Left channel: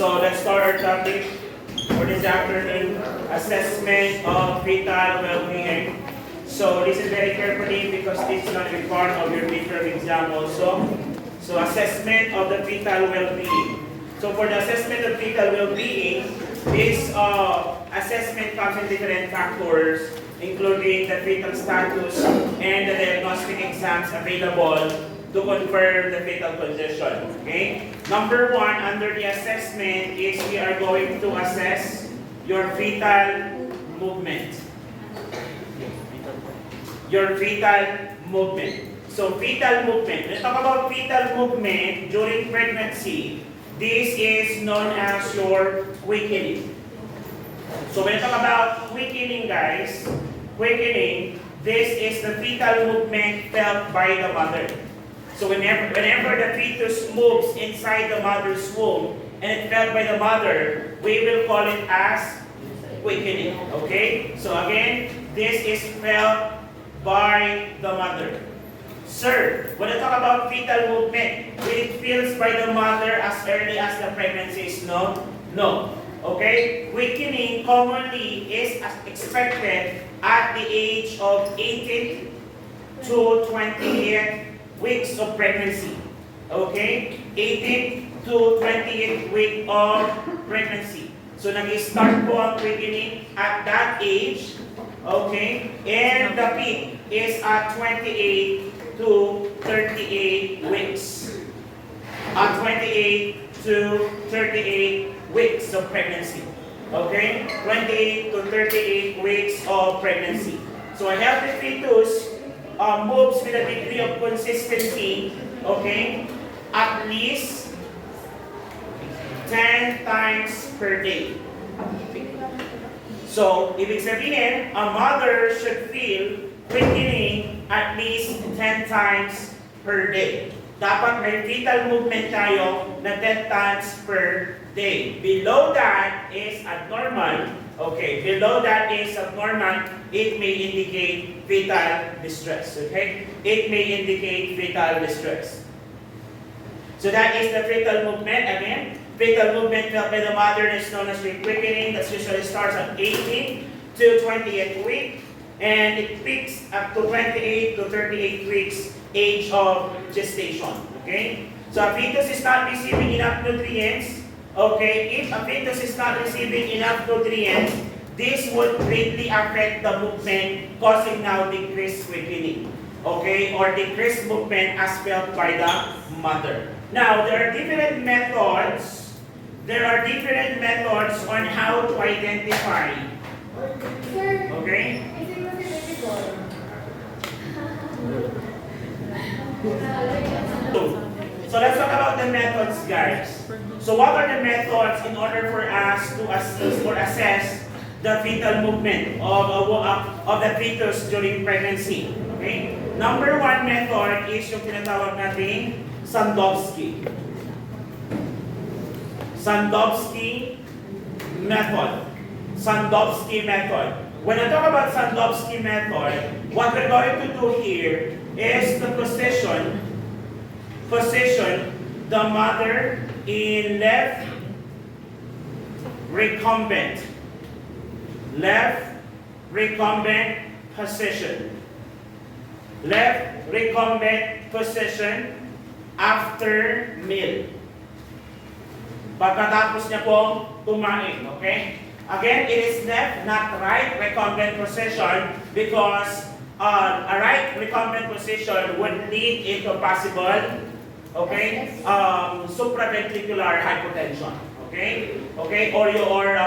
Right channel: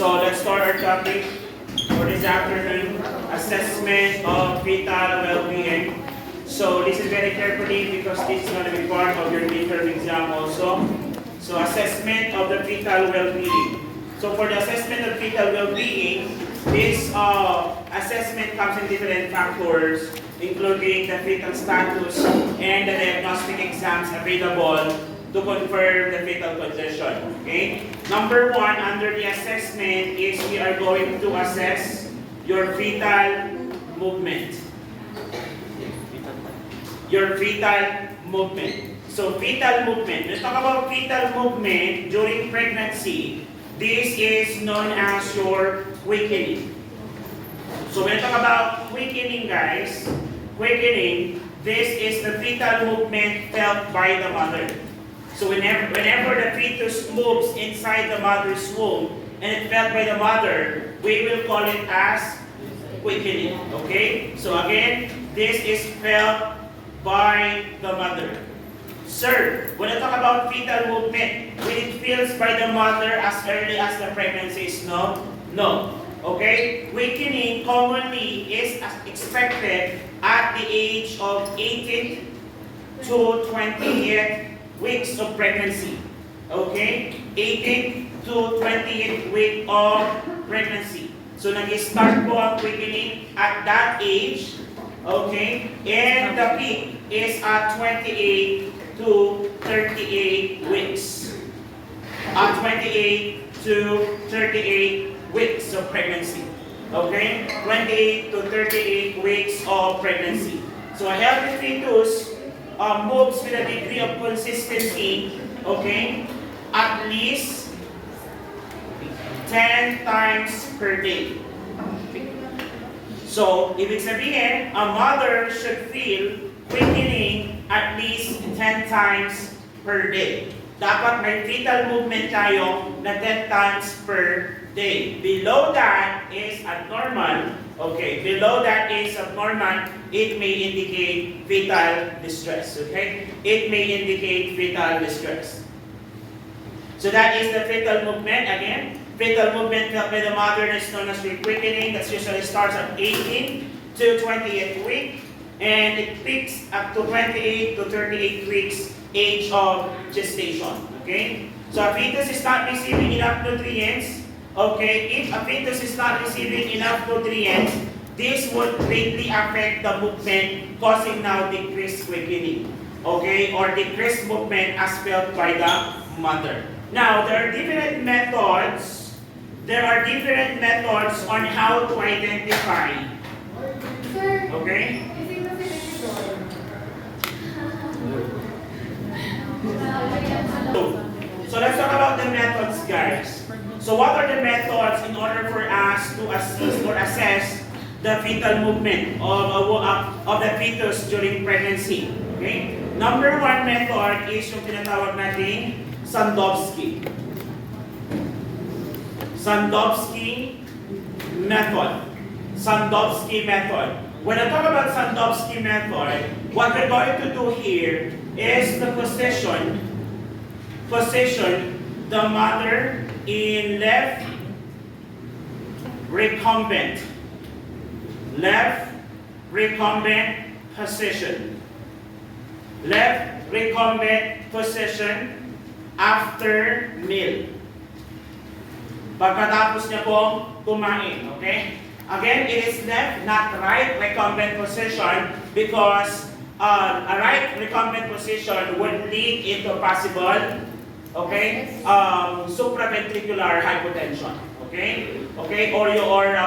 So let's start our topic for this afternoon, assessment of fetal well-being. So listen very carefully because this is going to be part of your midterm exam also. So assessment of the fetal well-being. So for the assessment of fetal well-being, this assessment comes in different factors, including the fetal status and the diagnostic exams available to confirm the fetal condition. Okay? Number one, under the assessment is we are going to assess your fetal movement. Your fetal movement. So fetal movement. Let's talk about fetal movement during pregnancy. This is known as your quickening. So when I talk about quickening, guys, quickening, this is the fetal movement felt by the mother. So whenever the fetus moves inside the mother's womb and it felt by the mother, we will call it as quickening. Okay? So again, this is felt by the mother. Sir, when I talk about fetal movement, will it feels by the mother as early as the pregnancy is no? No. Okay? Quickening commonly is expected at the age of 18 to 28 weeks of pregnancy. Okay? 18 to 28 week of pregnancy. So nag-start po ang quickening at that age. Okay? And the peak is at 28 to 38 weeks. 28 to 38 weeks of pregnancy. Okay? 28 to 38 weeks of pregnancy. So a healthy fetus moves with a degree of consistency, okay, at least 10 times per day. So, ibig sabihin, a mother should feel quickening at least 10 times per day. Dapat may fetal movement tayo na 10 times per day. Below that is abnormal. Okay, below that is abnormal, it may indicate fetal distress. Okay, it may indicate fetal distress. So that is the fetal movement. Again, fetal movement felt by the mother is known as quickening. That usually starts at 18 to 28 week, and it peaks up to 28 to 38 weeks age of gestation. Okay, so a fetus is not receiving enough nutrients. Okay, if a fetus is not receiving enough nutrients, this would greatly affect the movement, causing now decreased quickening. Okay, or decreased movement as felt by the mother. Now, there are different methods. There are different methods on how to identify. Okay? So let's talk about the methods, guys. So what are the methods in order for us to assist or assess the fetal movement of the fetus during pregnancy? Okay? Number one method is yung tinatawag natin Sandowski. Sandowski method. Sandowski method. When I talk about Sandowski method, what we're going to do here is the position the mother in left recumbent position. Left recumbent position after meal. Pagkatapos niya pong kumain, okay? Again, it is left, not right recumbent position because a right recumbent position would lead into possible, okay, supraventricular hypotension, okay? Okay, or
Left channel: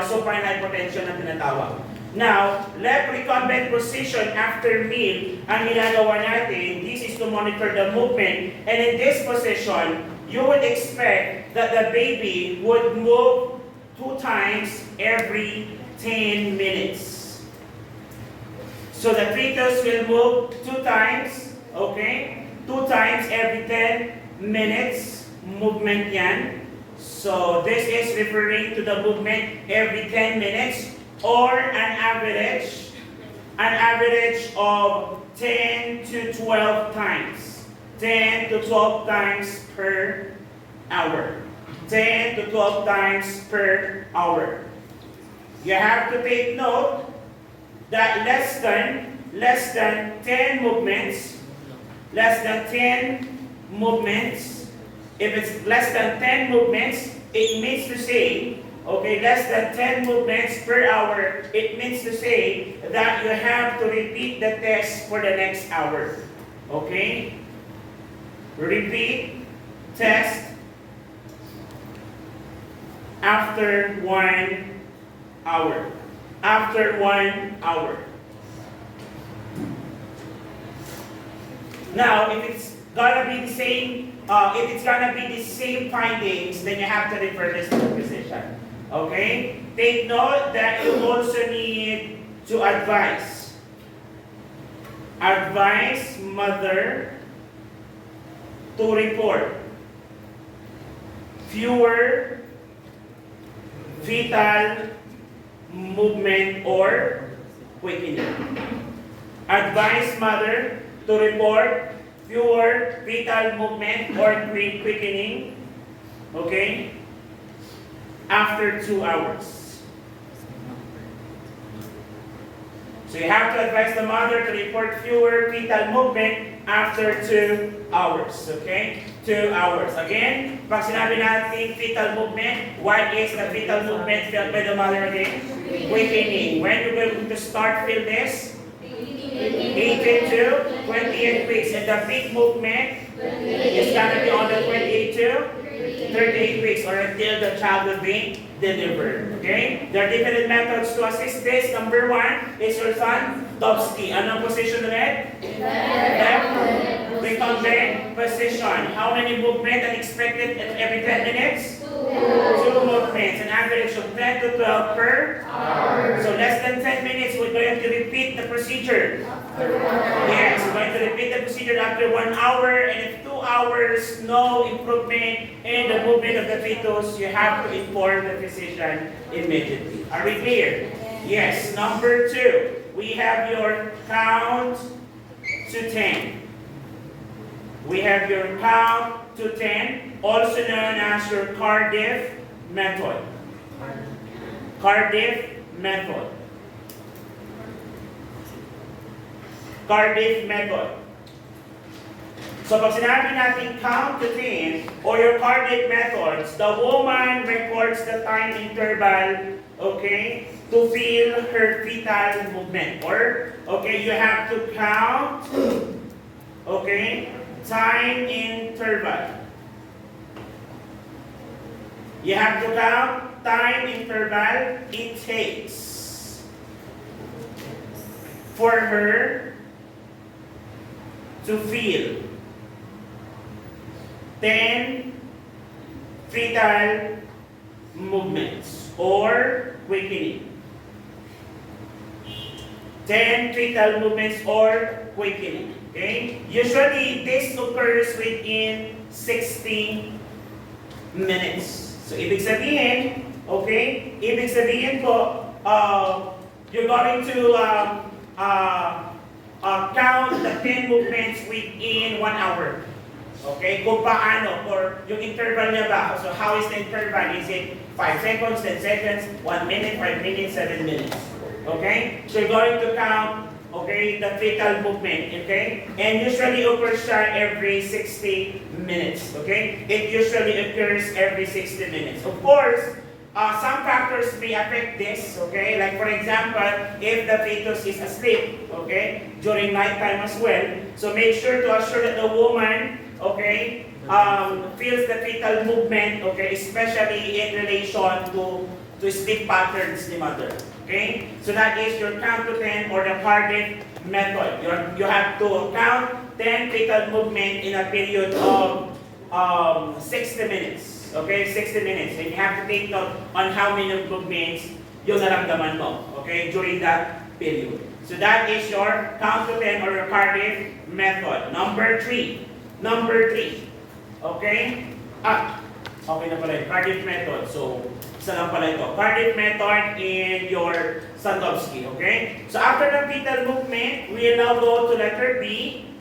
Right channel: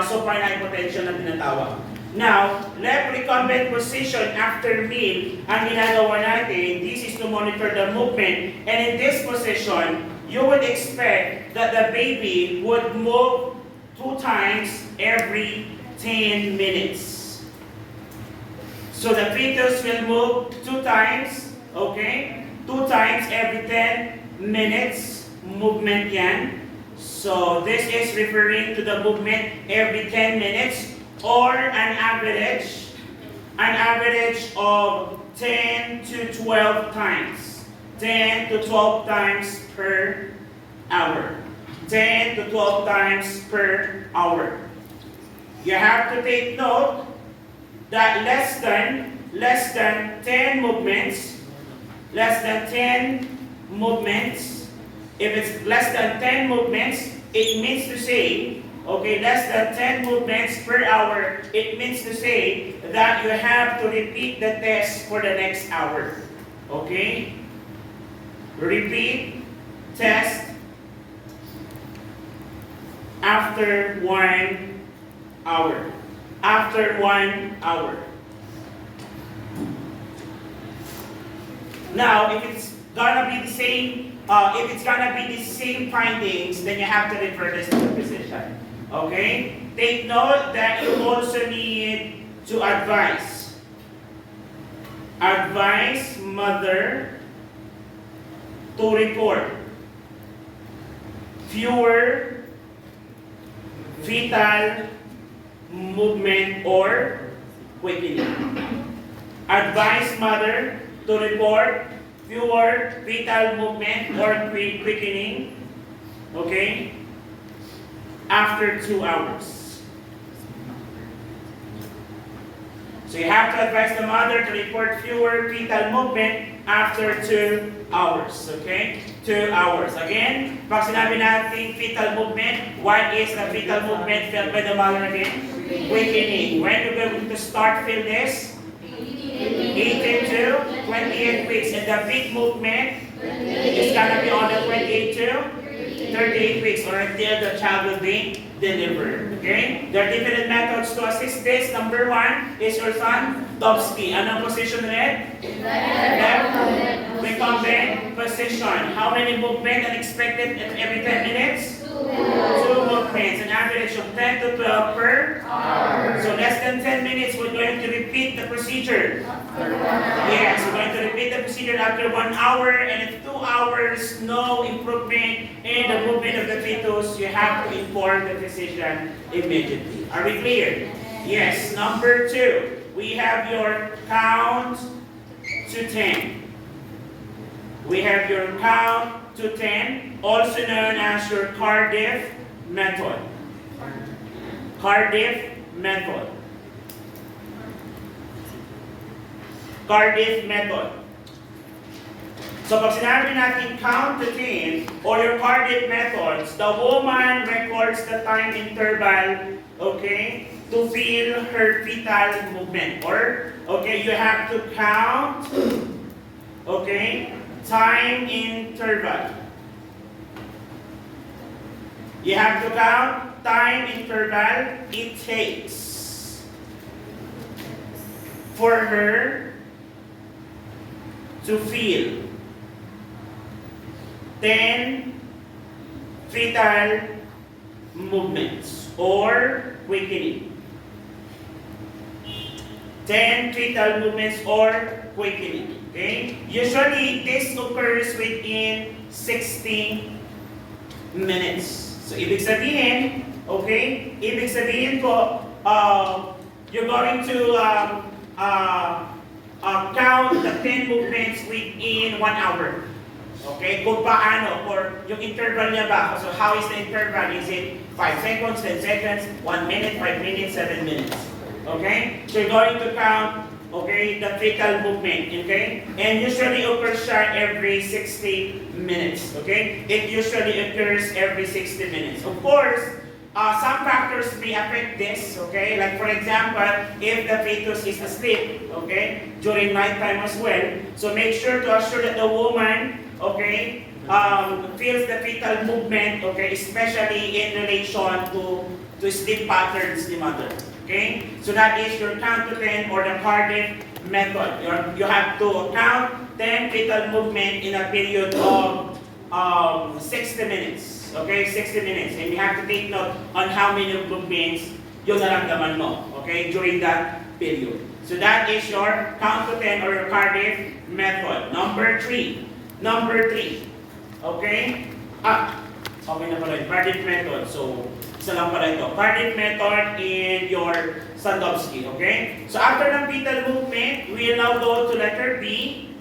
supine hypotension na tinatawag. Now, left recumbent position after meal, ang ginagawa natin, this is to monitor the movement, and in this position, you would expect that the baby would move 2 times every 10 minutes. So the fetus will move 2 times, okay? 2 times every 10 minutes, movement yan. So this is referring to the movement every 10 minutes or an average of 10 to 12 times. 10 to 12 times per hour. 10 to 12 times per hour. You have to take note that less than 10 movements, if it's less than 10 movements, it means to say, okay, less than 10 movements per hour, it means to say that you have to repeat the test for the next hour. Okay? Repeat test after 1 hour. After 1 hour. Now, if it's gonna be the same, findings, then you have to refer this to the physician. Okay? Take note that you also need to advise mother to report fewer fetal movement or quickening. Advise mother to report fewer fetal movement or quickening, okay, after 2 hours. So you have to advise the mother to report fewer fetal movement after 2 hours, okay? 2 hours. Again, pag sinabi natin fetal movement, what is the fetal movement felt by the mother again? Quickening. When are we going to start feel this? 18 to 28 weeks. And the peak movement is gonna be on the 28 to 38 weeks or until the child will be delivered. Okay? There are different methods to assist this. Number 1 is your son, Dobsky. Anong position ulit? Left. Recumbent position. How many movements are expected every 10 minutes? 2 movements. An average of 10 to 12 per hour. So less than 10 minutes, we're going to repeat the procedure. Yes, we're going to repeat the procedure after 1 hour, and if 2 hours, no improvement in the movement of the fetus, you have to inform the physician immediately. Are we clear? Yes. Number 2, we have your count to 10. We have your count to 10, also known as your Cardiff method. Cardiff method. Cardiff method. So pag sinabi natin count to 10 or your Cardiff methods, the woman records the time interval, okay, to feel her fetal movement. Or, okay, you have to count, okay, time interval. You have to count time interval it takes for her to feel 10 fetal movements or quickening. 10 fetal movements or quickening. Okay? Usually, this occurs within 60 minutes. So, ibig sabihin, okay? Ibig sabihin po, you're going to count the 10 movements within 1 hour. Okay? Kung paano, or yung interval niya ba? So, how is the interval? Is it 5 seconds, 10 seconds, 1 minute, 5 minutes, 7 minutes? Okay? So, you're going to count, okay, the fetal movement, okay? And usually occurs siya every 60 minutes, okay? It usually occurs every 60 minutes. Of course, some factors may affect this, okay? Like for example, if the fetus is asleep, okay, during nighttime as well, so make sure to assure that the woman, okay, feels the fetal movement, okay, especially in relation to sleep patterns ni mother. Okay? So that is your count to 10 or the Cardiff method. You have to count 10 fetal movement in a period of 60 minutes. Okay? 60 minutes. And you have to take note on how many movements yung naramdaman mo. Okay? During that period. So that is your count to 10 or your Cardiff method. Number 3. Okay? Okay na pala. Cardiff method. So, isa lang pala ito. Cardiff method in your Sandowski, okay? So after ng fetal movement, we will now go to letter B.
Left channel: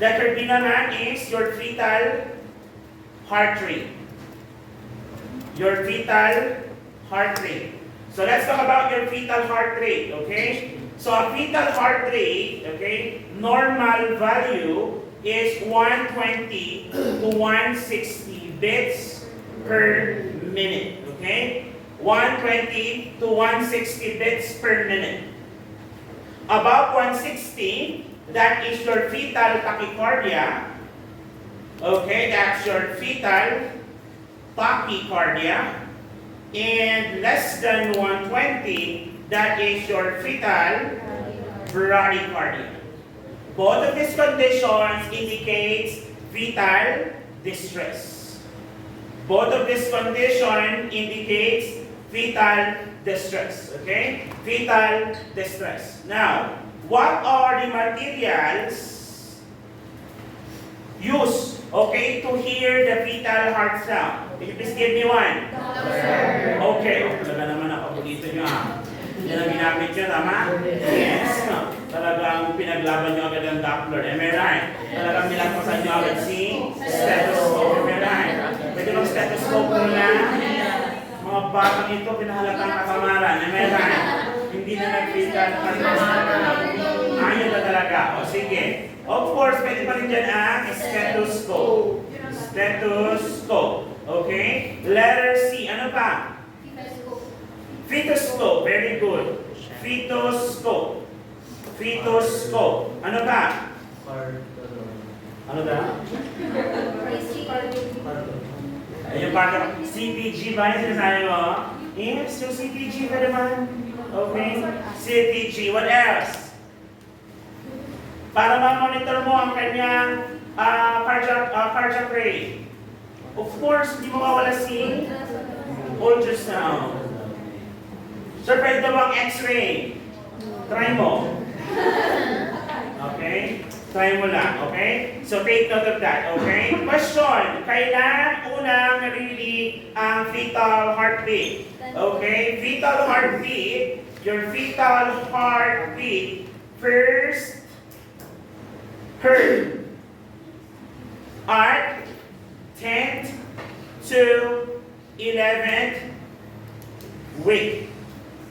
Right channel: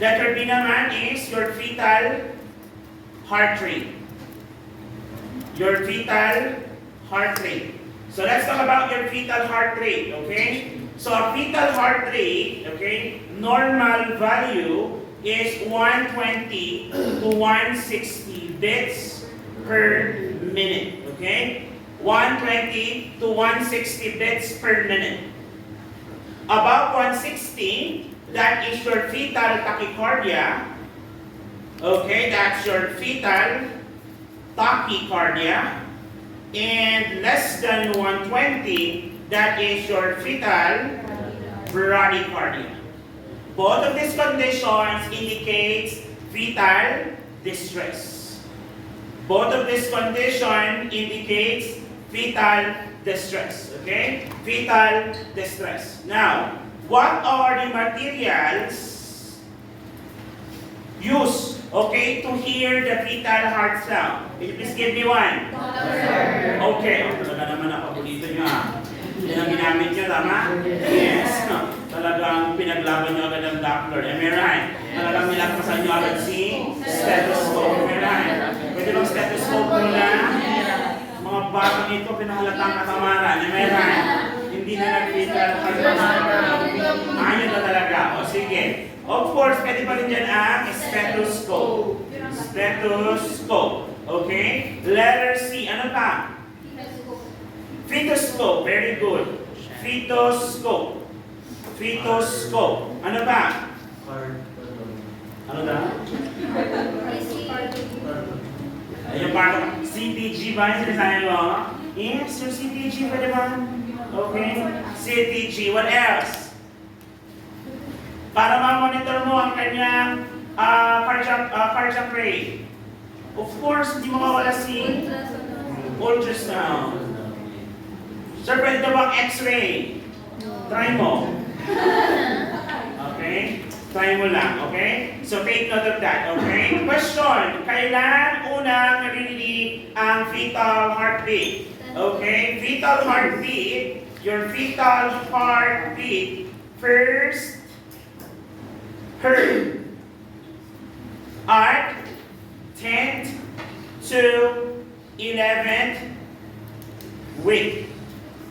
Letter B naman is your fetal heart rate. your fetal heart rate. So let's talk about your fetal heart rate, okay? So a fetal heart rate, okay, normal value is 120 to 160 beats per minute, okay? 120 to 160 beats per minute. Above 160, that is your fetal tachycardia. Okay, that's your fetal tachycardia. And less than 120, that is your fetal bradycardia. Both of these conditions indicates fetal distress. Both of these conditions indicates fetal distress. Okay? Fetal distress. Now, what are the materials used, okay, to hear the fetal heart sound? Can you please give me one? Doctor. Okay. Talaga naman napapulito nyo. Yan ang ginamit nyo, tama? Yes. No. Talagang pinaglaban nyo agad ang Doppler. Am I right? Talagang nilakasan nyo agad si stethoscope. Am I right? Pwede bang stethoscope muna? Mga batang ito, pinahalatang katamaran. Am I right? Hindi na nag-fetal heart sound. Ayaw na talaga. O sige. Of course, pwede pa rin dyan ang stethoscope. Stethoscope. Okay? Letter C. Ano pa? Fetoscope. Very good. Fetoscope. Fetoscope. Ano ba? Ano ba? Ayun part of CPG ba yung sinasabi mo? Yes, yung CPG pwede ba? Okay. CPG. What else? Para ma-monitor mo ang kanyang cardiac rate. Of course, hindi mo mawala si ultrasound. Sir, pwede ba ang X-ray? Try mo. Okay? Try mo lang, okay? So, take note of that, okay? Question, kailan unang naririnig ang fetal heartbeat? Okay? Fetal heartbeat, your fetal heartbeat first heard at 10th to 11th week.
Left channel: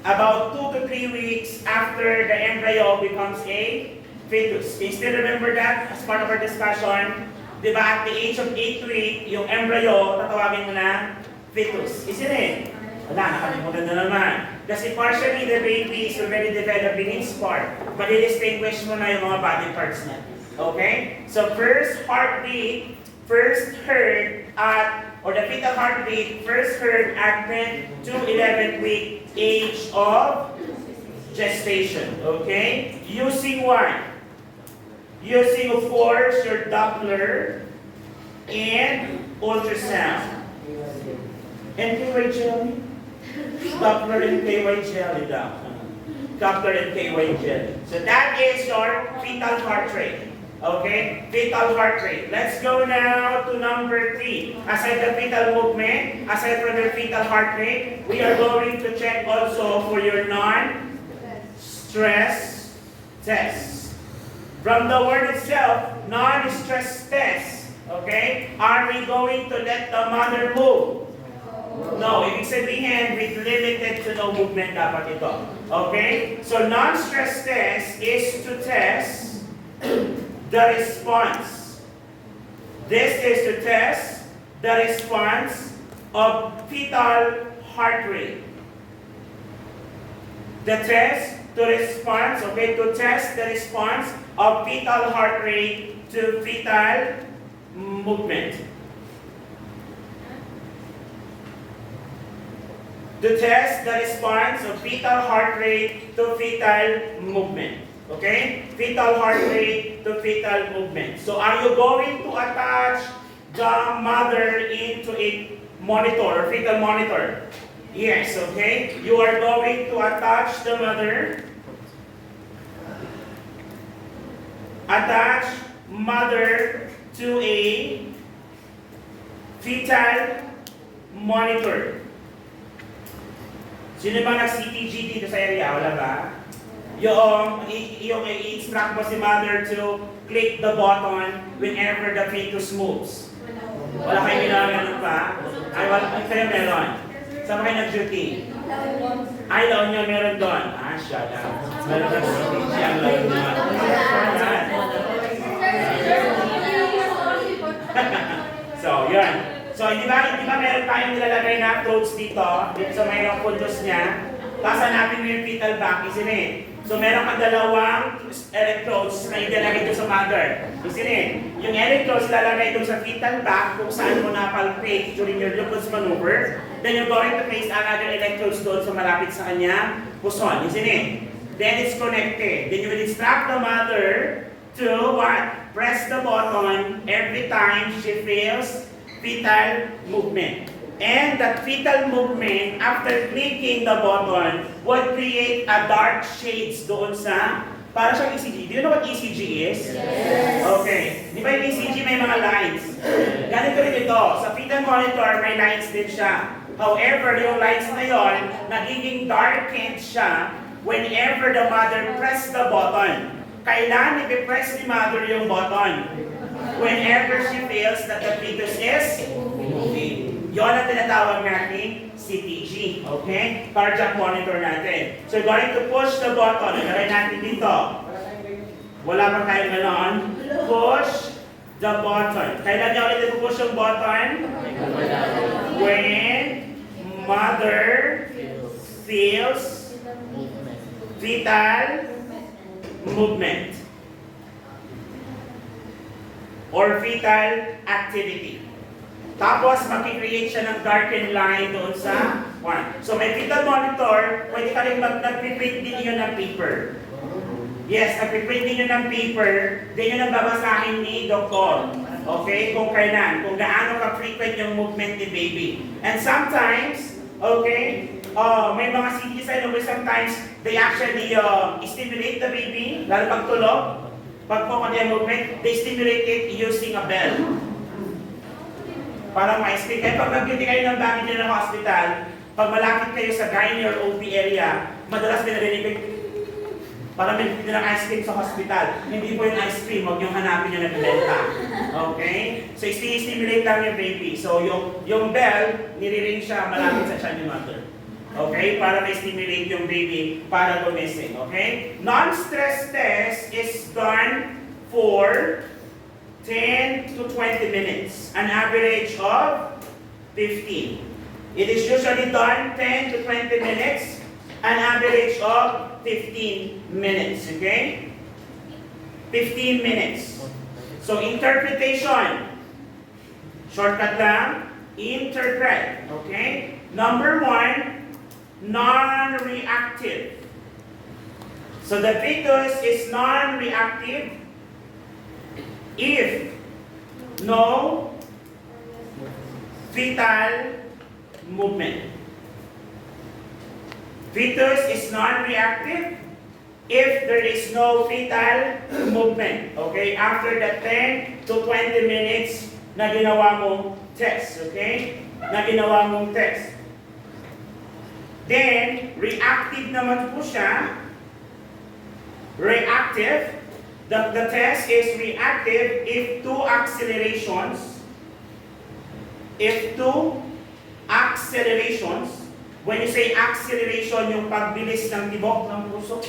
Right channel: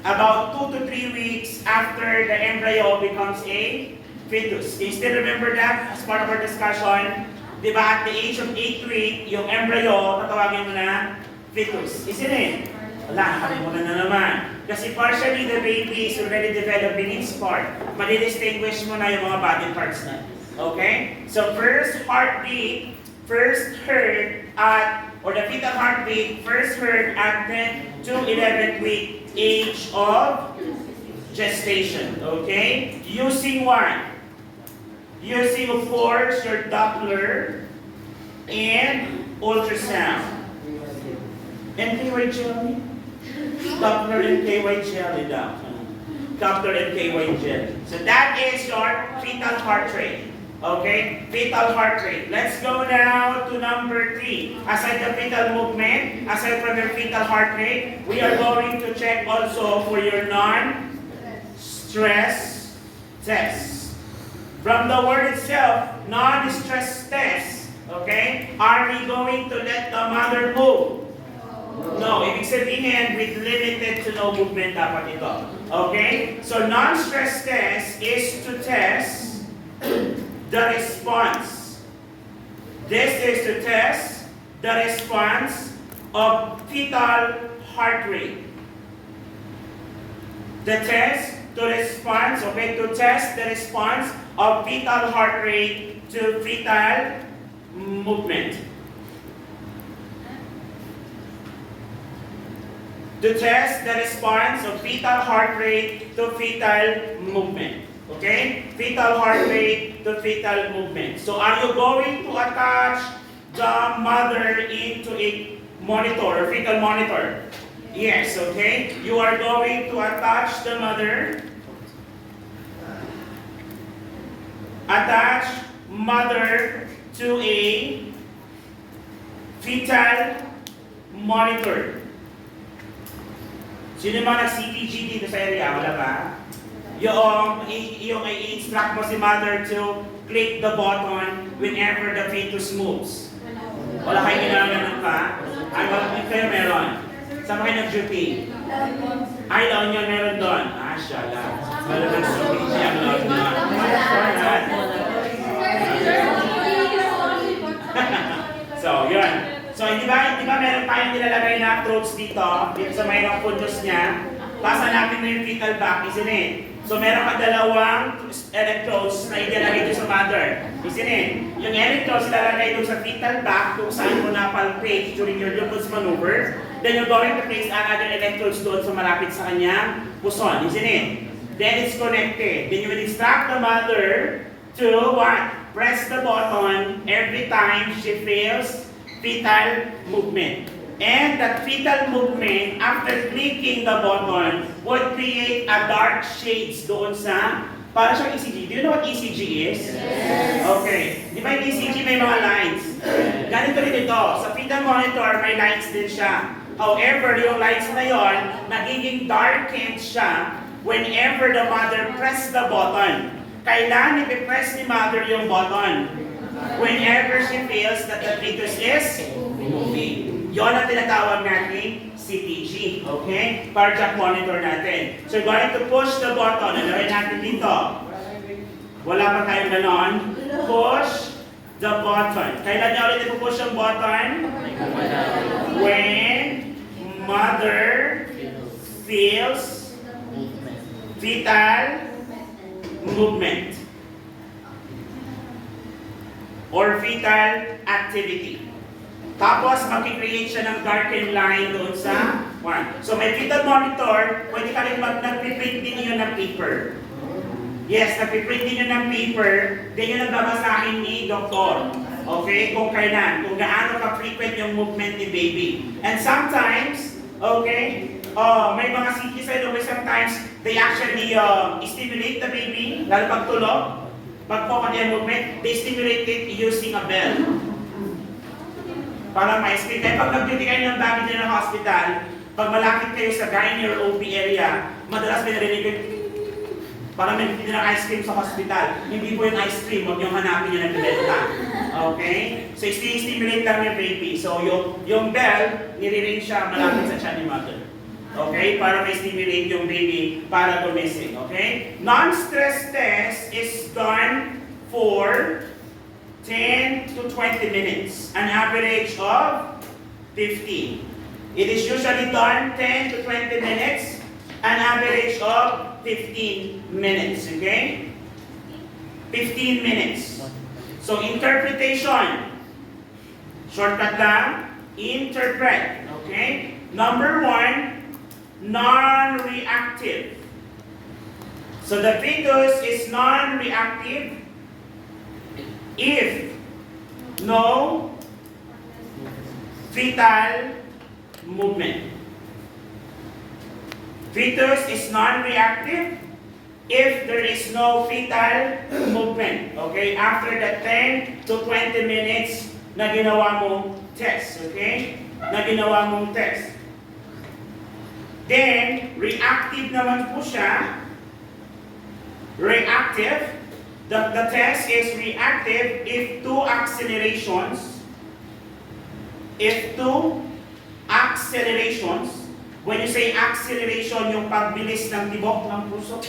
About 2 to 3 weeks after the embryo becomes a fetus. Can you still remember that as part of our discussion? Di ba at the age of 8 week, yung embryo, tatawagin mo na fetus. Isn't it? Wala, nakalimutan na naman. Kasi partially the baby is already developing its part. Madi-distinguish mo na yung mga body parts na. Okay? So first heartbeat, first heard at, or the fetal heartbeat, first heard at 10 to 11th week age of gestation. Okay? Using what? Using, of course, your Doppler and ultrasound. And KY jelly? Doppler and KY jelly, Doc. Doppler and KY jelly. So that is your fetal heart rate. Okay? Fetal heart rate. Let's go now to number 3. Aside the fetal movement, aside from your fetal heart rate, we are going to check also for your non-stress test. From the word itself, non-stress test, okay? Are we going to let the mother move? No, ibig sabihin, with limited to no movement dapat ito. Okay? So non-stress test is to test the response. This is to test the response of fetal heart rate. The test to response, okay, to test the response of fetal heart rate to fetal movement. To test the response of fetal heart rate to fetal movement. Okay? Fetal heart rate to fetal movement. So are you going to attach the mother into a monitor or fetal monitor? Yes, okay? You are going to attach the mother. Attach mother to a fetal monitor. Sino mga nag-CPG dito sa area? Wala ba? Yung i-instruct mo si mother to click the button whenever the fetus moves. Wala kayo ginagawa pa? Ay, wala kayo meron. Saan ba kayo nag-duty? Ay, La Union meron doon. Ah, siya lang. Meron na sa PG ang La Union. So, yun. So, di ba meron tayong nilalagay na approach dito sa mayroong puntos niya. Tapos hanapin mo yung fetal back, isn't it? So, meron ka dalawang electrodes na ilalagay dito sa mother. Isn't it? Yung electrodes ilalagay dito sa fetal back kung saan mo napalpate during your Lupus maneuver. Then you're going to place another electrodes doon sa malapit sa kanyang puson, isn't it? Then it's connected. Then you will instruct the mother to what? Press the button every time she feels fetal movement. And that fetal movement, after clicking the button, would create a dark shades doon sa, para siyang ECG. Do you know what ECG is? Yes. Okay. Di ba yung ECG may mga lines? Ganito rin ito. Sa fetal monitor, may lines din siya. However, yung lines na yon, nagiging darkened siya whenever the mother press the button. Kailan i-press ni mother yung button? Whenever she feels that the fetus is moving. Yon ang tinatawag natin CTG. Okay? Cardiac monitor natin. So, going to push the button. Ano rin natin dito? Wala pa tayong ganon. Push the button. Kailan niya ulit i-push yung button? When mother feels fetal movement or fetal activity. Tapos, makikreate siya ng darkened line doon sa one. So, may fetal monitor, pwede ka rin nag-print din yun ng paper. Yes, nag-print din yun ng paper, din yun ang babasahin ni doktor. Okay, kung kailan, kung gaano ka-frequent yung movement ni baby. And sometimes, okay, may mga CT cell, sometimes they actually stimulate the baby, lalo pag tulog, pag focus yung movement, they stimulate it using a bell. Para ma-explain. Kaya pag nag-duty kayo ng baby din ng hospital, pag malapit kayo sa gynae or OB area, madalas may narinig kayo, para may nagtitin ng ice cream sa hospital. Hindi po yung ice cream, huwag yung hanapin yung nagbibenta. Okay? So, stimulate lang yung baby. So, yung bell, niriring siya malapit sa tiyan ni mother. Okay? Para may stimulate yung baby para gumising. Okay? Non-stress test is done for 10 to 20 minutes. An average of 15. It is usually done 10 to 20 minutes. An average of 15 minutes. Okay? 15 minutes. So, interpretation. Shortcut lang. Interpret. Okay? Number 1, non-reactive. So, the fetus is non-reactive if no fetal movement. Fetus is non-reactive if there is no fetal movement. Okay? After the 10 to 20 minutes na ginawa mong test. Okay? Na ginawa mong test. Then, reactive naman po siya. Reactive. The test is reactive if two accelerations. If two accelerations. When you say acceleration, yung pagbilis ng tibok ng puso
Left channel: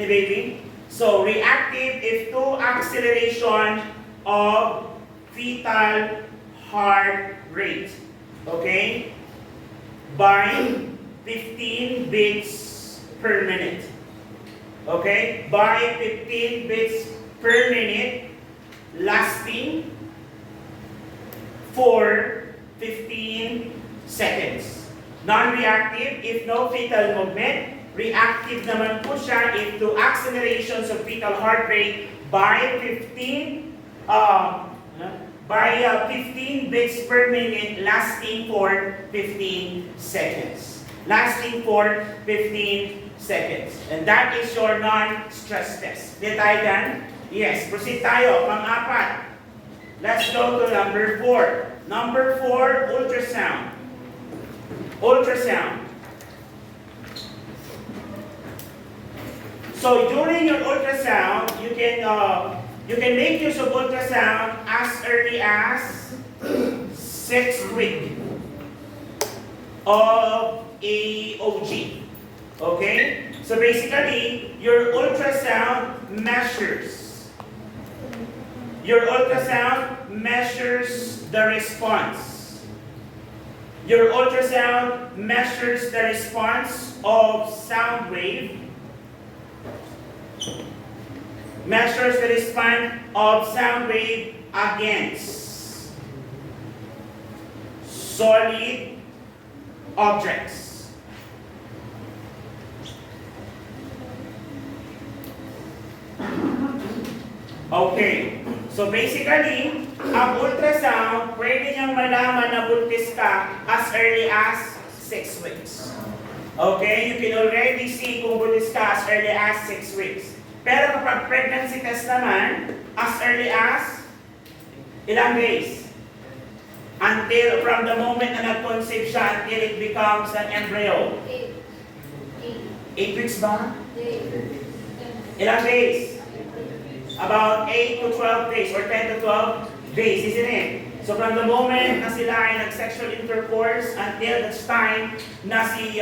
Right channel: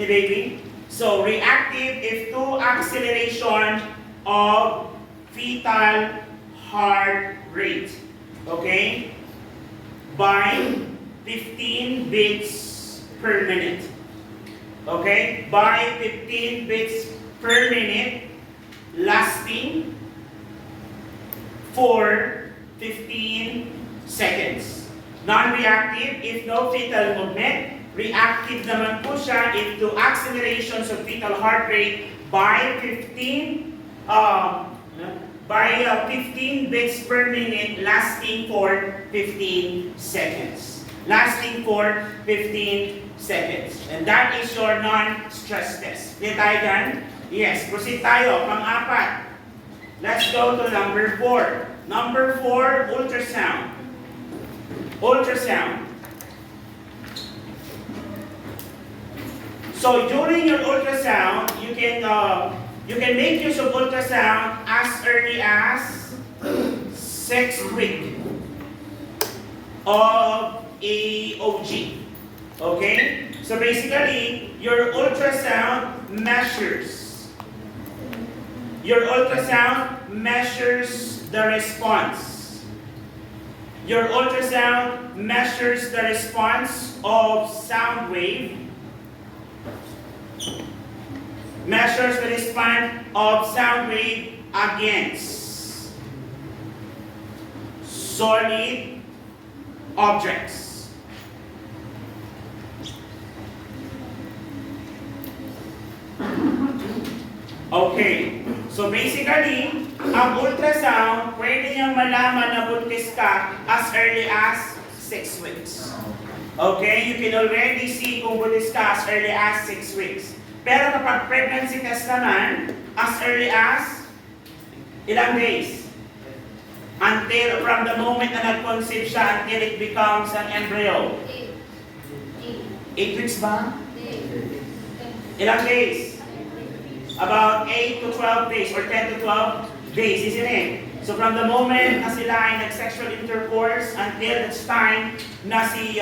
ni baby. So, reactive if two acceleration of fetal heart rate. Okay? By 15 beats per minute. Okay? By 15 beats per minute, lasting for 15 seconds. Non-reactive if no fetal movement. Reactive naman po siya if two accelerations of fetal heart rate by 15 beats per minute, lasting for 15 seconds. Lasting for 15 seconds. And that is your non-stress test. Did tayo dyan? Yes. Proceed tayo. Pang-apat. Let's go to number 4. Number 4, ultrasound. Ultrasound. So during your ultrasound, you can make use of ultrasound as early as 6th week. of a OG. Okay? So basically, your ultrasound measures the response. Your ultrasound measures the response of sound wave. Measures the response of sound wave against solid objects. Okay. So basically, ang ultrasound, pwede niyang malaman na buntis ka as early as 6 weeks. Okay? You can already see kung buntis ka as early as 6 weeks. Pero kapag pregnancy test naman, as early as ilang days? Until, from the moment na nag-conceive siya until it becomes an embryo. 8 weeks ba? Ilang days? About 8 to 12 days or 10 to 12 days, isn't it? So from the moment na sila ay nag-sexual intercourse until the time na si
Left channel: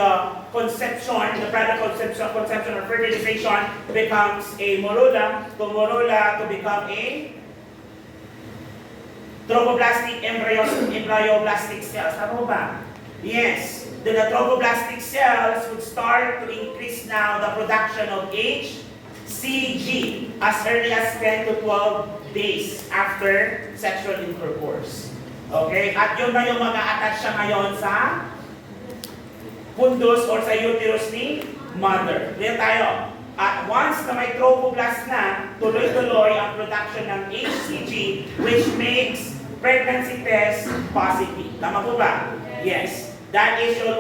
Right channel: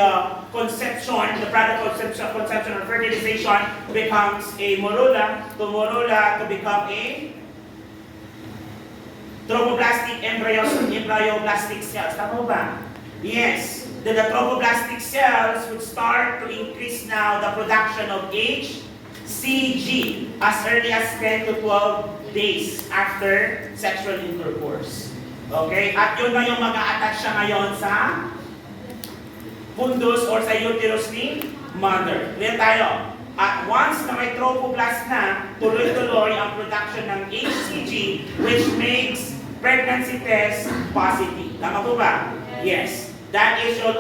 conception, the product of conception or fertilization becomes a morula, to become a trophoblastic embryoblastic cells. Tama ba? Yes. Then the trophoblastic cells would start to increase now the production of HCG as early as 10 to 12 days after sexual intercourse. Okay? At yun na yung mag-a-attach siya ngayon sa fundus or sa uterus ni mother. Ngayon tayo. At once na may trophoblast na, tuloy-tuloy ang production ng HCG which makes pregnancy test positive. Tama po ba? Yes. That is your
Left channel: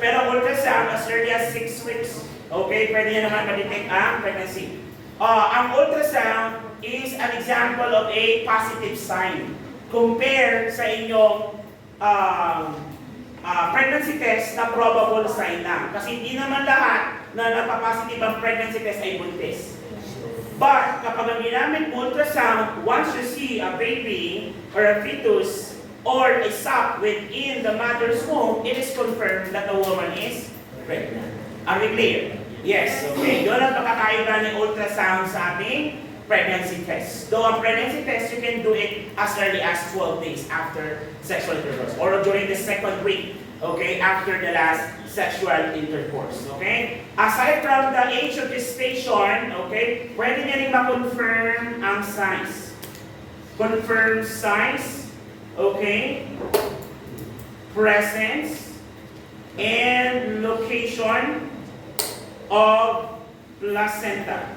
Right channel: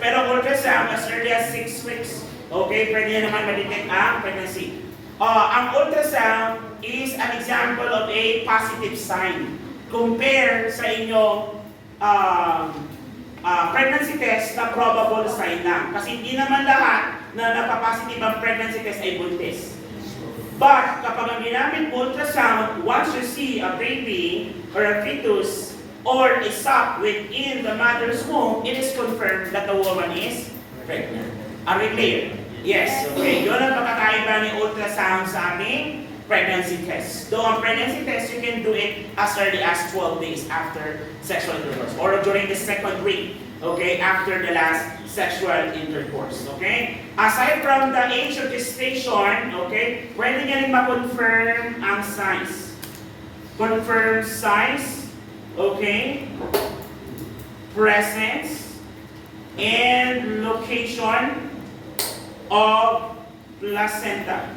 pero ultrasound as early as 6 weeks. Okay, pwede yan naman ma-detect ang pregnancy. Ang ultrasound is an example of a positive sign. Compare sa inyong pregnancy test na probable sign lang. Kasi hindi naman lahat na napapositive ang pregnancy test ay buntis. But kapag ang ginamit ultrasound, once you see a baby or a fetus or a sac within the mother's womb, it is confirmed that the woman is pregnant. Are we clear? Yes. Okay. Yun ang pagkakaiba ng ultrasound sa ating pregnancy test. Though ang pregnancy test, you can do it as early as 12 days after sexual intercourse or during the second week, okay, after the last sexual intercourse, okay? Aside from the age of gestation, okay, pwede niya rin ma-confirm ang size. Confirm size, okay, presence, and location of placenta.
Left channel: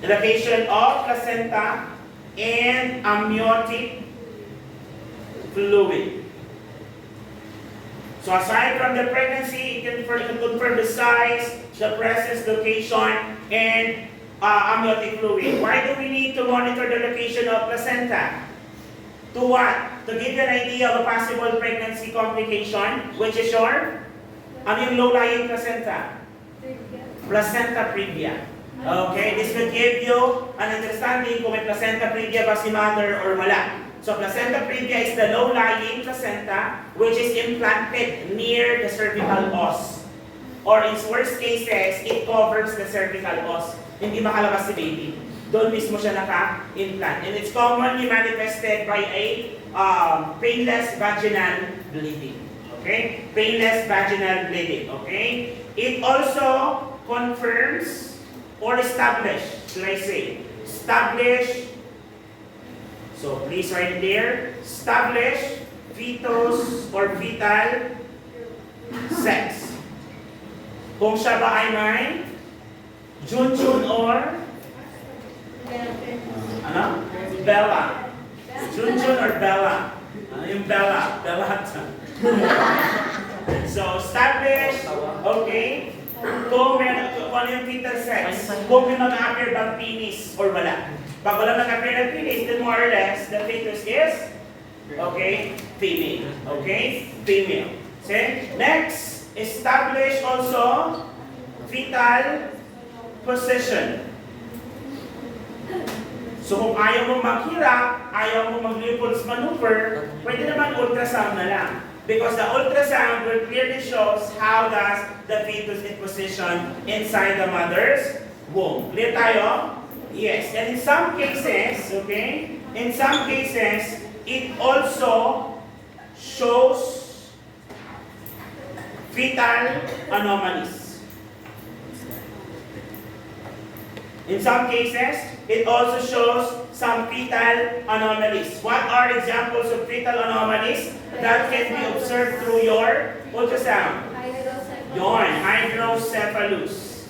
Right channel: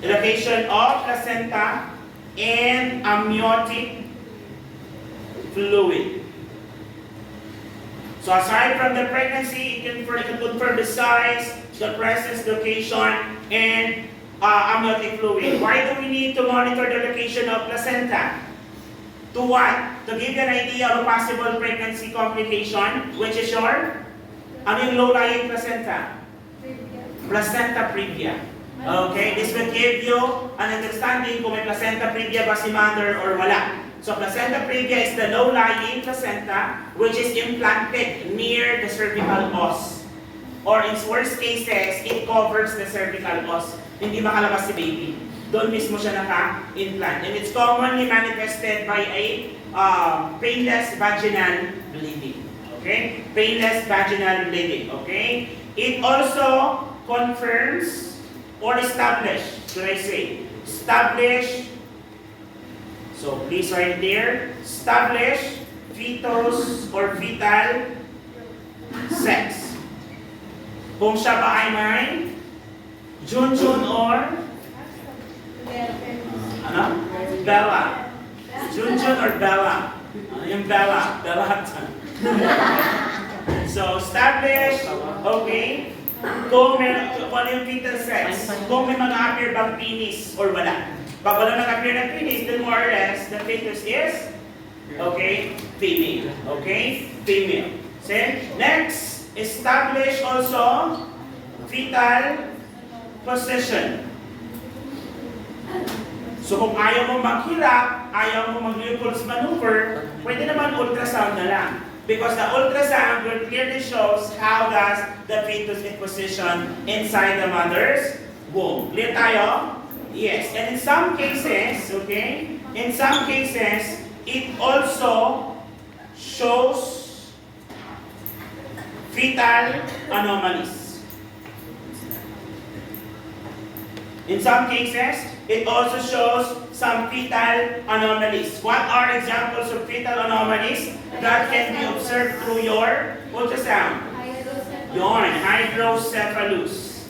The location of placenta and amniotic fluid. So aside from the pregnancy, you can confirm the size, the presence, location, and amniotic fluid. Why do we need to monitor the location of placenta? To what? To give you an idea of a possible pregnancy complication, which is your, ano yung low-lying placenta? Placenta previa. Okay, this will give you an understanding kung may placenta previa ba si mother or wala. So placenta previa is the low-lying placenta which is implanted near the cervical os. Or in worst cases, it covers the cervical os. Hindi makalabas si baby. Doon mismo siya naka-implant. And it's commonly manifested by a painless vaginal bleeding. Okay? Painless vaginal bleeding. Okay? It also confirms or establish, should I say, establish, so please write it there, establish fetus or fetal sex. Kung siya ba ay may Junjun or ano? Bella. Junjun or Bella? Ano yung Bella? Bella. So, establish, okay, kung ano yung fetal sex, kung may mag-appear bang penis or wala. Pag wala mag-appear ng penis, then more or less, the fetus is, okay, female. Okay? Female. See? Next, establish also fetal position. So kung ayaw mo maghirap, ayaw mo mag-Lupul's maneuver, pwede naman ultrasound na lang. Because the ultrasound will clearly shows how does the fetus is positioned inside the mother's womb. Clear tayo? Yes. And in some cases, okay, in some cases, it also shows fetal anomalies. In some cases, it also shows some fetal anomalies. What are examples of fetal anomalies that can be observed through your ultrasound? Yon, hydrocephalus.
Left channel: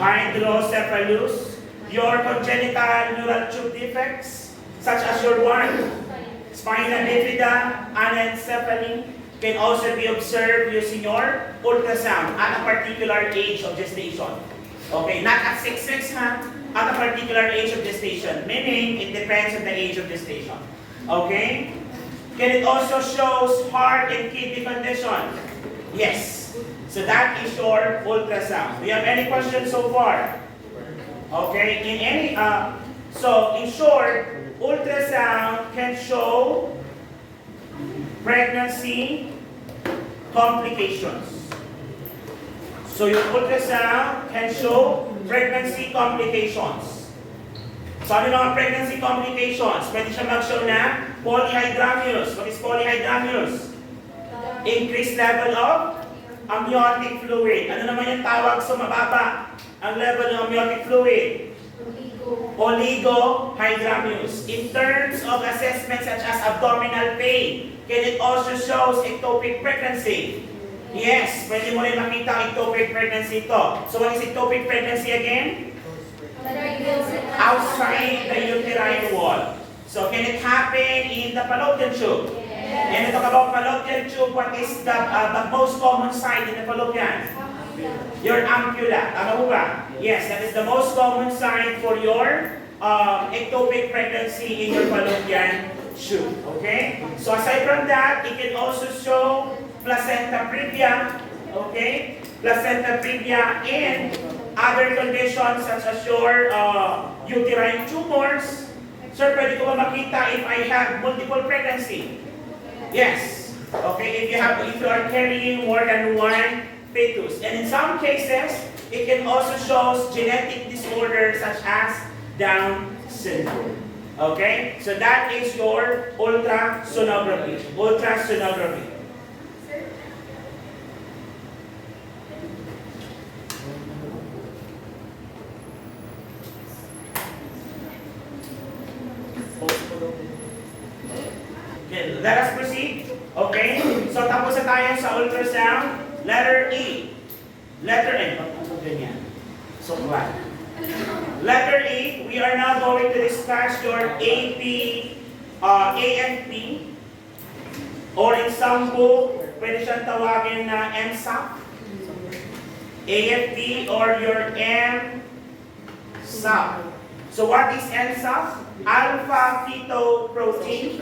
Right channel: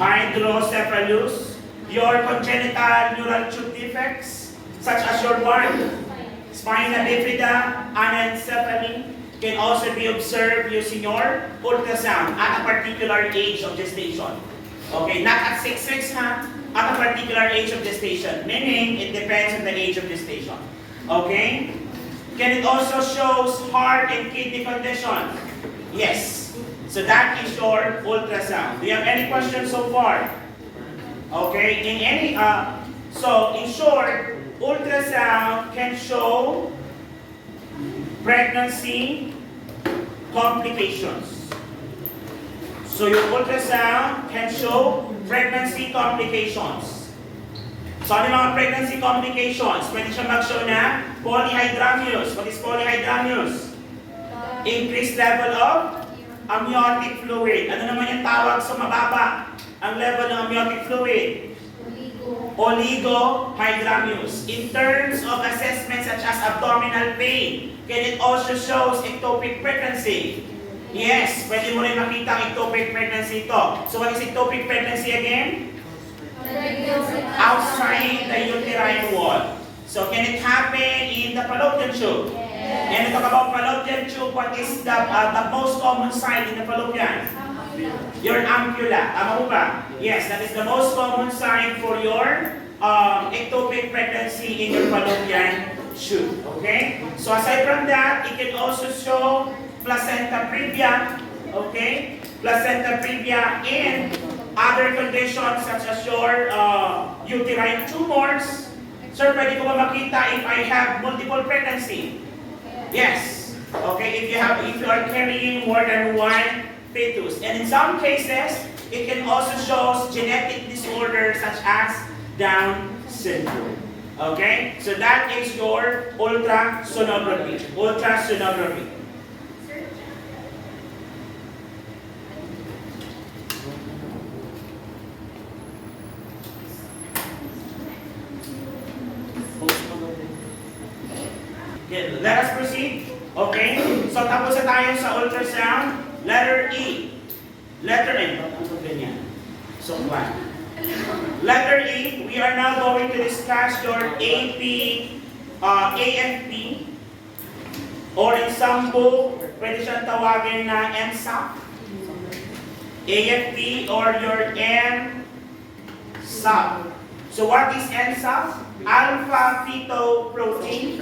Hydrocephalus. Your congenital neural tube defects, such as your one, spina bifida, anencephaly, can also be observed using your ultrasound at a particular age of gestation. Okay, not at 6 weeks, ha? At a particular age of gestation, meaning it depends on the age of gestation. Okay? Can it also shows heart and kidney condition? Yes. So that is your ultrasound. Do you have any questions so far? Okay, so in short, ultrasound can show pregnancy complications. So your ultrasound can show pregnancy complications. So ano yung mga pregnancy complications? Pwede siya mag-show na polyhydramnios. What is polyhydramnios? Increased level of amniotic fluid. Ano naman yung tawag sa mababa? Ang level ng amniotic fluid? Oligohydramnios. In terms of assessment such as abdominal pain, can it also shows ectopic pregnancy? Yes, pwede mo rin makita ang ectopic pregnancy ito. So what is ectopic pregnancy again? Outside the uterine wall. So can it happen in the fallopian tube? And to talk about fallopian tube, what is the most common site in the fallopian? Your ampulla. Tama mo ba? Yes, that is the most common sign for your ectopic pregnancy in your fallopian tube. Okay? So aside from that, it can also show placenta previa. Okay? Placenta previa and other conditions such as your uterine tumors. Sir, pwede ko ba makita if I have multiple pregnancy? Yes. Okay, if you are carrying more than one fetus. And in some cases, it can also show genetic disorders such as Down syndrome. Okay? So that is your ultrasonography. Ultrasonography. Okay, let us proceed. Okay? So tapos na tayo sa ultrasound. Letter E. Letter N. So, letter E, we are now going to discuss your AFP, or in some book, pwede siyang tawagin na MSAP. AFP or your MSAP. So what is MSAP? Alpha-fetoprotein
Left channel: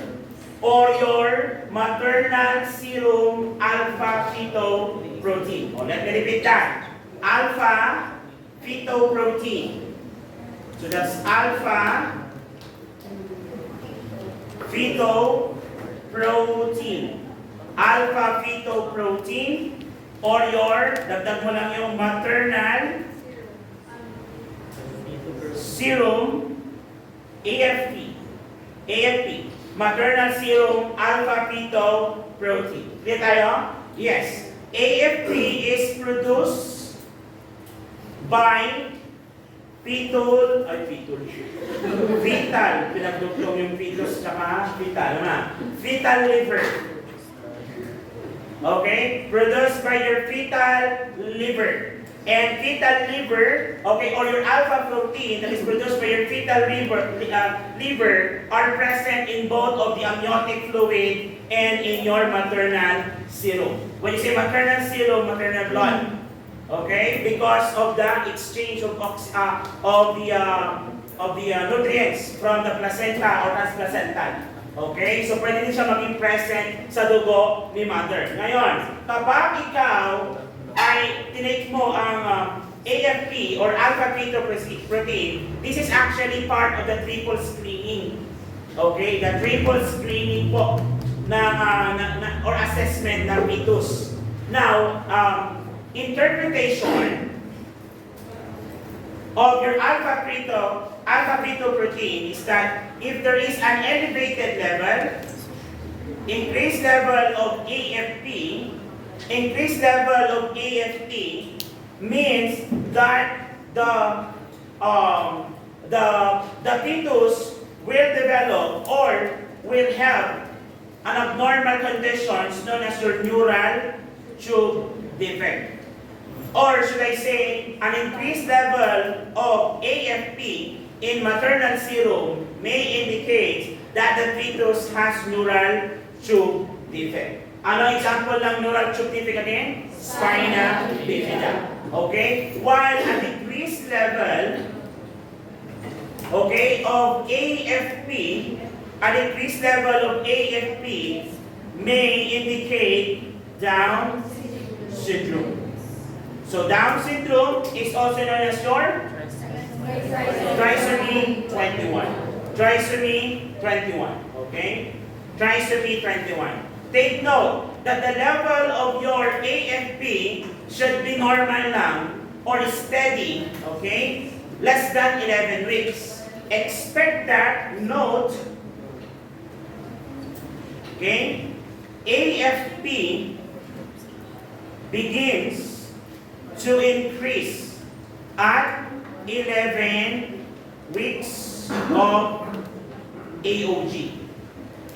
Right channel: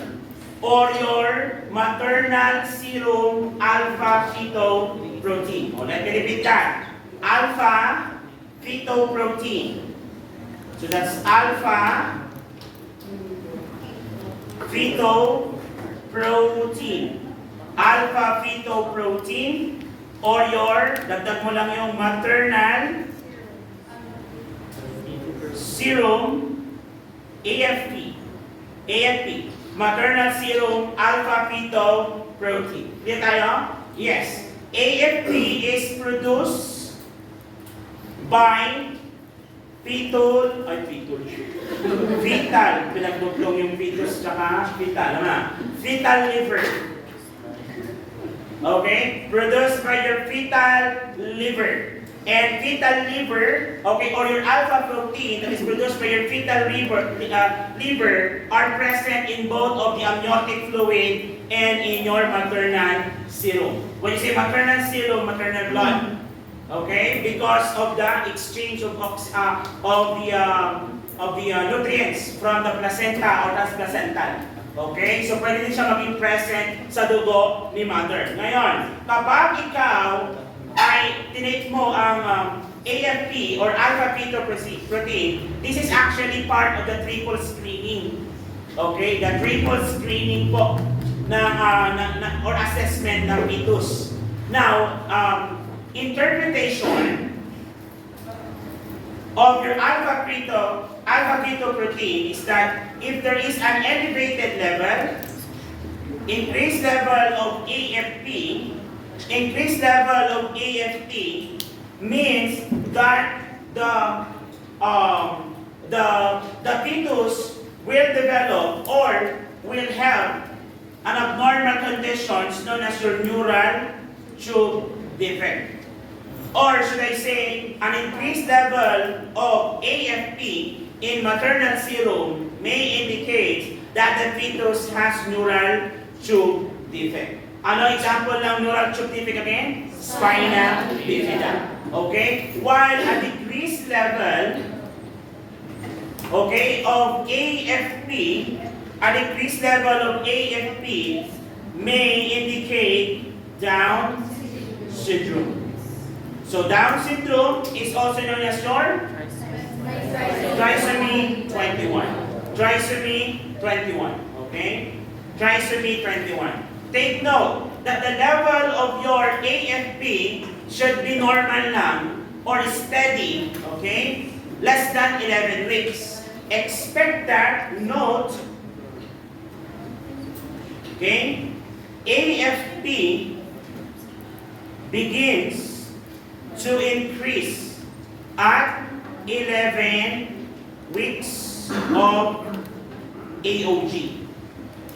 or your maternal serum alpha-fetoprotein. Let me repeat that. Alpha-fetoprotein. So that's alpha-fetoprotein. Alpha-fetoprotein or your, dagdag mo lang yung maternal serum AFP. AFP. Maternal serum alpha-fetoprotein. Clear tayo? Yes. AFP is produced by fetal, pinagduklong yung fetus tsaka fetal, fetal liver. Okay? Produced by your fetal liver. And fetal liver, okay, or your alpha protein that is produced by your fetal liver are present in both of the amniotic fluid and in your maternal serum. When you say maternal serum, maternal blood, okay, because of the exchange of the nutrients from the placenta or transplacental. Okay, so pwede din siya maging present sa dugo ni mother. Ngayon, kapag ikaw ay tinake mo ang AFP or alpha-fetoprotein, this is actually part of the triple screening. Okay, the triple screening po. or assessment ng fetus. Now, interpretation of your alpha-fetoprotein is that if there is an elevated level, increased level of AFP, increased level of AFP means that the fetus will develop or will have an abnormal conditions known as your neural tube defect. Or should I say, an increased level of AFP in maternal serum may indicate that the fetus has neural tube defect. Ano example ng neural tube defect again? Spinal bifida. Okay? While a decreased level, okay, of AFP, a decreased level of AFP may indicate Down syndrome. So Down syndrome is also known as your trisomy 21. Trisomy 21. Okay? Trisomy 21. Take note that the level of your AFP should be normal lang or steady, okay? Less than 11 weeks. Expect that, note, okay? AFP begins to increase at 11 weeks of AOG.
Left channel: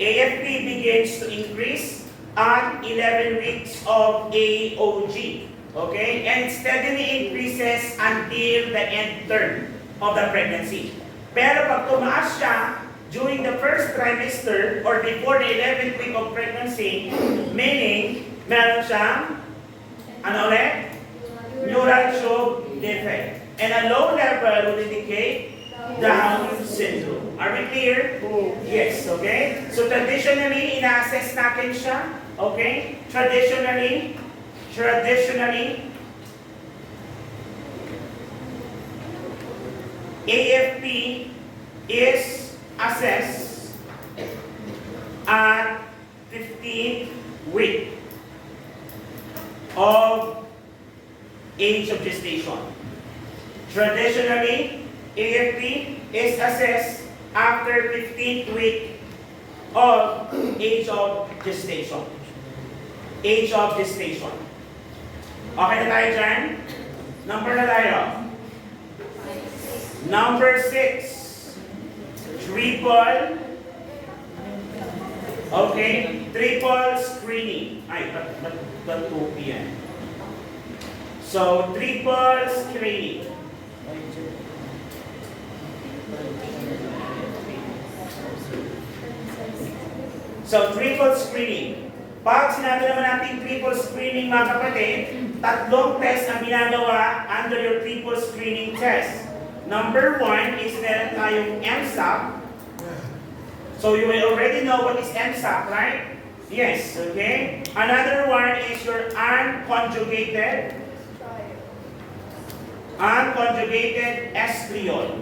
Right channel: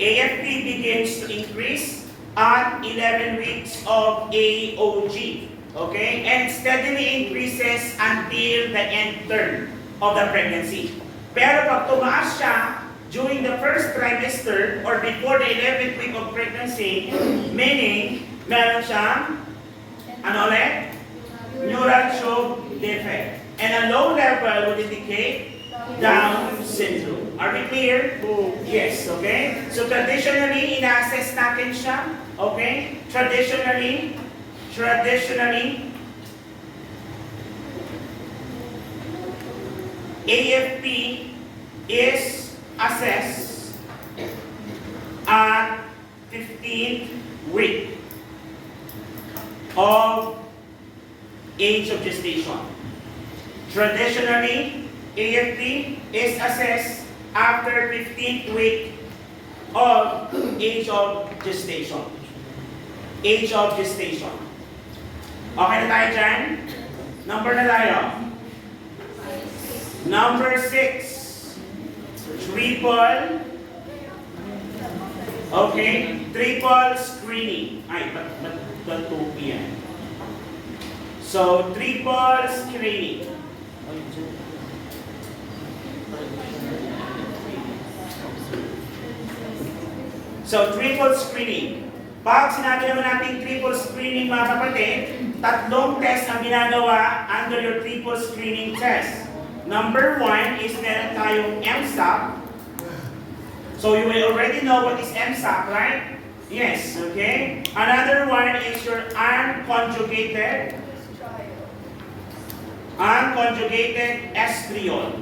AFP begins to increase at 11 weeks of AOG. Okay? And steadily increases until the end term of the pregnancy. Pero pag tumaas siya during the first trimester or before the 11th week of pregnancy, meaning meron siyang ano ulit? Neural tube defect. And a low level would indicate Down syndrome. Are we clear? Yes, okay? So traditionally, ina-assess natin siya. Okay? Traditionally, AFP is assessed at 15th week of age of gestation. Traditionally, AFP is assessed after 15th week of age of gestation. Age of gestation. Okay na tayo dyan? Number na tayo. Number 6. Triple. Okay. Triple screening. Ay, ba't 2 p.m.? So, triple screening. So, triple screening. Pag sinabi naman natin triple screening, mga kapatid, tatlong test ang ginagawa under your triple screening test. Number 1 is meron tayong MSAP. So, you will already know what is MSAP, right? Yes, okay? Another one is your unconjugated estriol.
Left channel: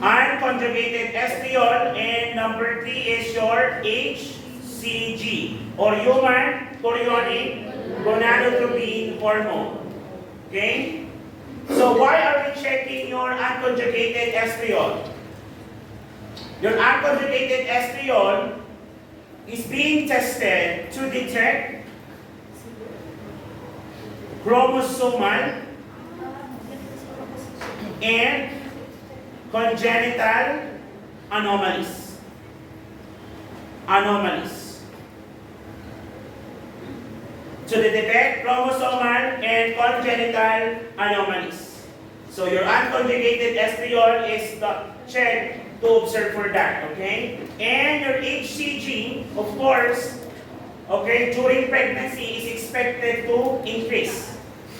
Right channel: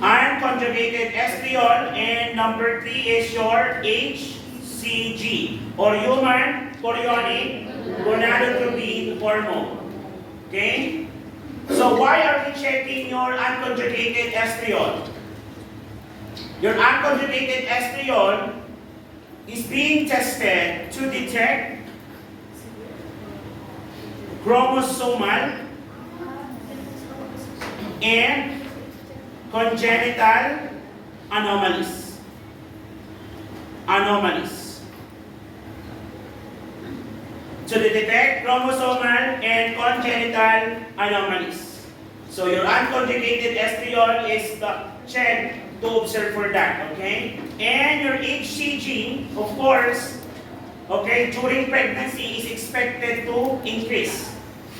Unconjugated estriol, and number 3 is your HCG or human chorionic gonadotropin hormone. Okay? So why are we checking your unconjugated estriol? Your unconjugated estriol is being tested to detect chromosomal and congenital anomalies. To detect chromosomal and congenital anomalies. So your unconjugated estriol is the check to observe for that, okay? And your HCG, of course, okay, during pregnancy is expected to increase.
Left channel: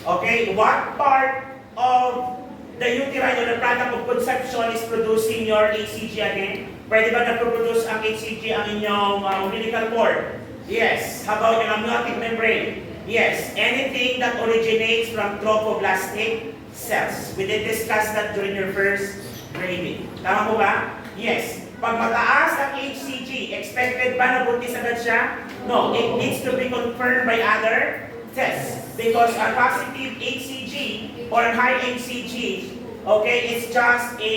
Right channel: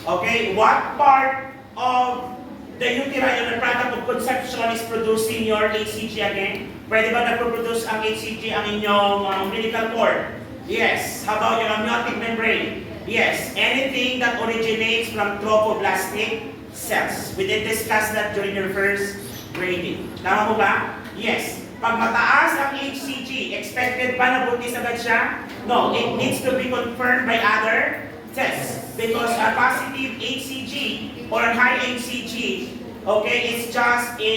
Okay, what part of the uterine or the product of conception is producing your HCG again? Pwede ba nagpo-produce ang HCG ang inyong umbilical cord? Yes. How about yung amniotic membrane? Yes. Anything that originates from trophoblastic cells. We did discuss that during your first grading. Tama po ba? Yes. Pag mataas ang HCG, expected ba na buntis agad siya? No, it needs to be confirmed by other tests. Because a positive HCG or high HCG, okay, it's just a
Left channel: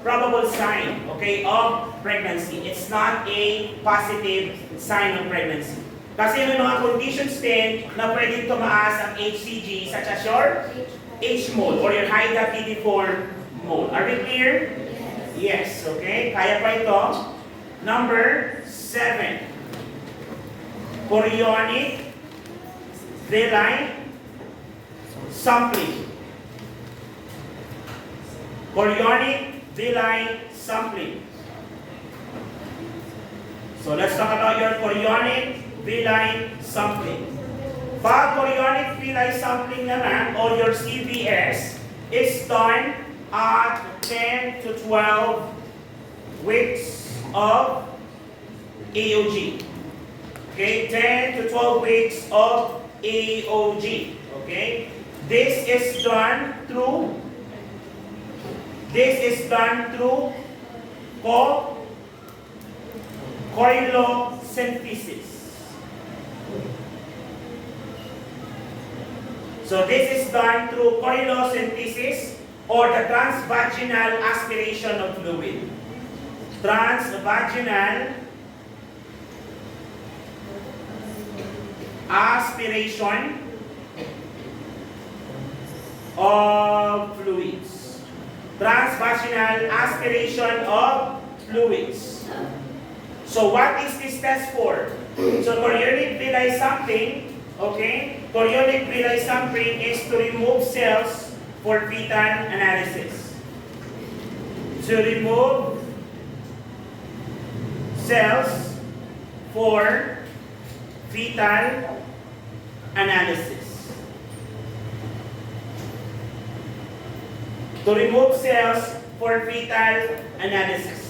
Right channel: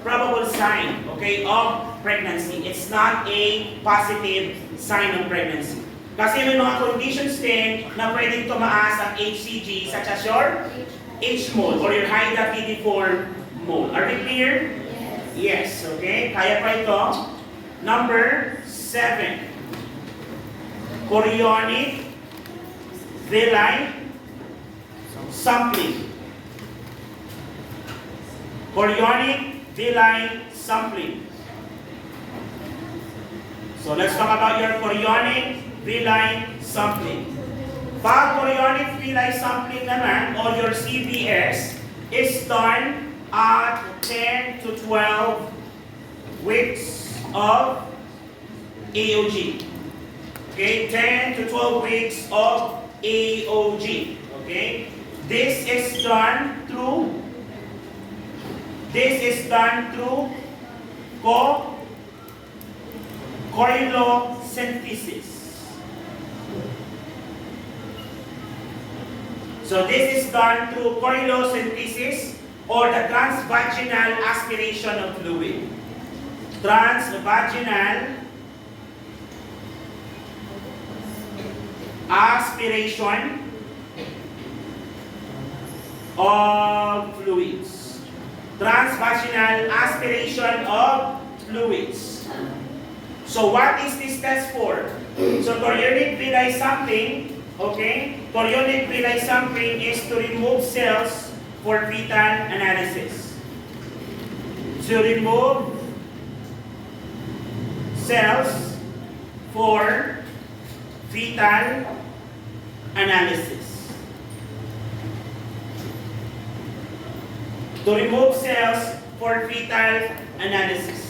probable sign, okay, of pregnancy. It's not a positive sign of pregnancy. Kasi may mga conditions din na pwedeng tumaas ang HCG, such as your H-mole or your hydatidiform mole. Are we clear? Yes, okay. Kaya pa ito. Number 7. Chorionic villi sampling. Chorionic villi sampling. So let's talk about your chorionic villi sampling. Pag chorionic villi sampling naman, or your CVS, is done at 10 to 12 weeks of AOG. Okay, 10 to 12 weeks of AOG. Okay, this is done through corylosynthesis. So this is done through corylosynthesis or the transvaginal aspiration of fluid. Transvaginal aspiration of fluids. Transvaginal aspiration of fluids. So what is this test for? So chorionic villi sampling, okay? Chorionic villi sampling is to remove cells for fetal analysis. To remove cells for fetal analysis. To remove cells for fetal analysis.